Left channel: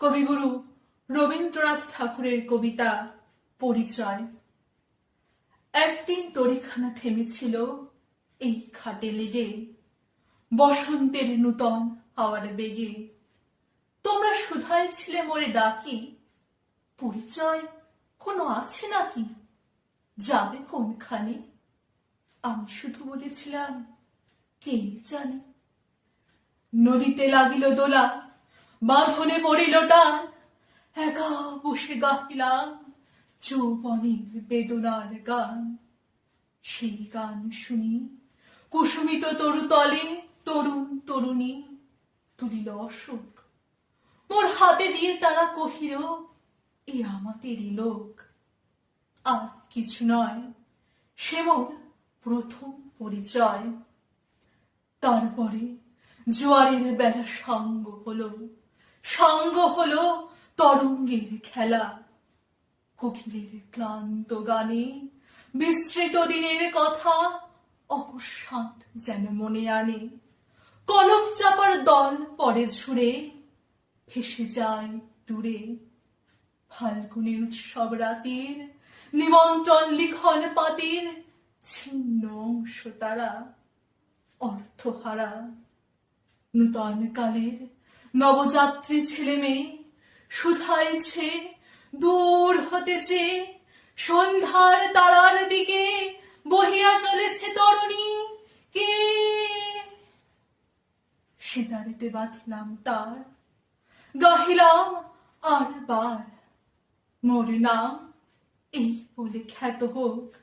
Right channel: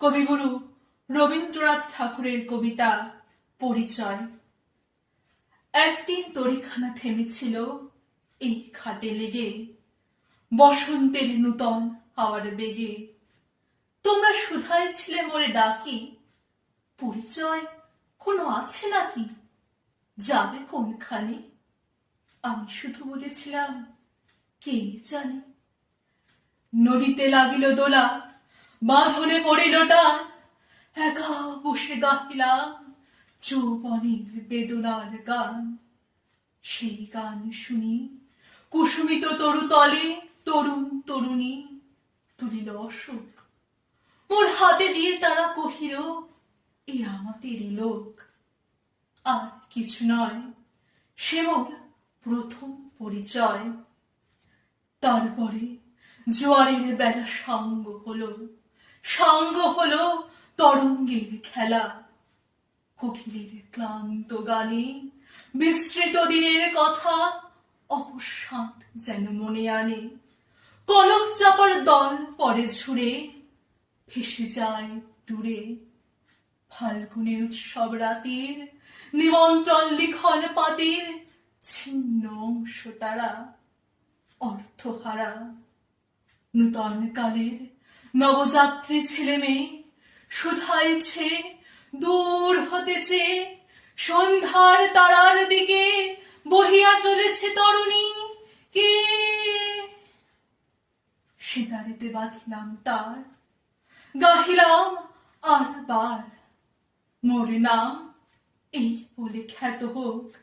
কবিগুরু রবীন্দ্রনাথ ঠাকুরের কবিতা পরিচয়। একদিন তরিখানা থেমেছিল এই খাটে লেগে, বসন্তের নূতন হাওয়ার বেগে। তোমরা শুধাই ছিলে মোরে ডাকি, পরিচয় কোনো আছে নাকি, যাবে কোনখানে? আমি শুধু বলেছিলাম, কে জানে। নদীতে লাগিল দোলা, বাঁধনে পড়িল টান, একা বসে গাহিলাম যৌবনের বেদনার গান। সেই গান শুনি কুসুমিত তরুতলে তরুণ তরুণী তুলিল অশোক। মোর হাতে দিয়ে তারা কহিল, এ আমাদেরই লোক। আর কিছু নয়, সে মোর প্রথম পরিচয়। তারপরে জোয়ারের বেলা সাঙ্গ হলো তরঙ্গের খেলা। কোকিলের ক্লান্ত গানে বিস্মৃত দিনের কথা অকস্মাৎ যেন মনে আনে। কনক চাপার দল পরে ঝুড়ে ভেসে যায় দূরে। ফাল্গুনের উৎসব রাতের নিমন্ত্রণ লিখন পাতের ছিন্ন অংশ তারা, অর্থহারা। নূতন কালের নবযাত্রী ছেলে মেয়ে শুধাইছে দূর হতে চেয়ে, সন্ধ্যার তারার দিকে বহিয়া চলেছে তরুণী কে। সেতারেতে বাঁধিলাম তার, গাহিলাম আর বার, মোর নাম এই বলে খ্যাত হোক,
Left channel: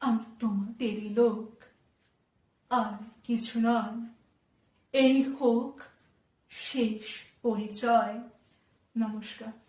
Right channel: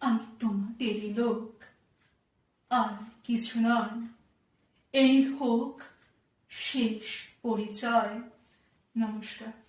আমি তোমাদেরই লোক। আর কিছু নয়, এই হোক শেষ পরিচয়। নমস্কার।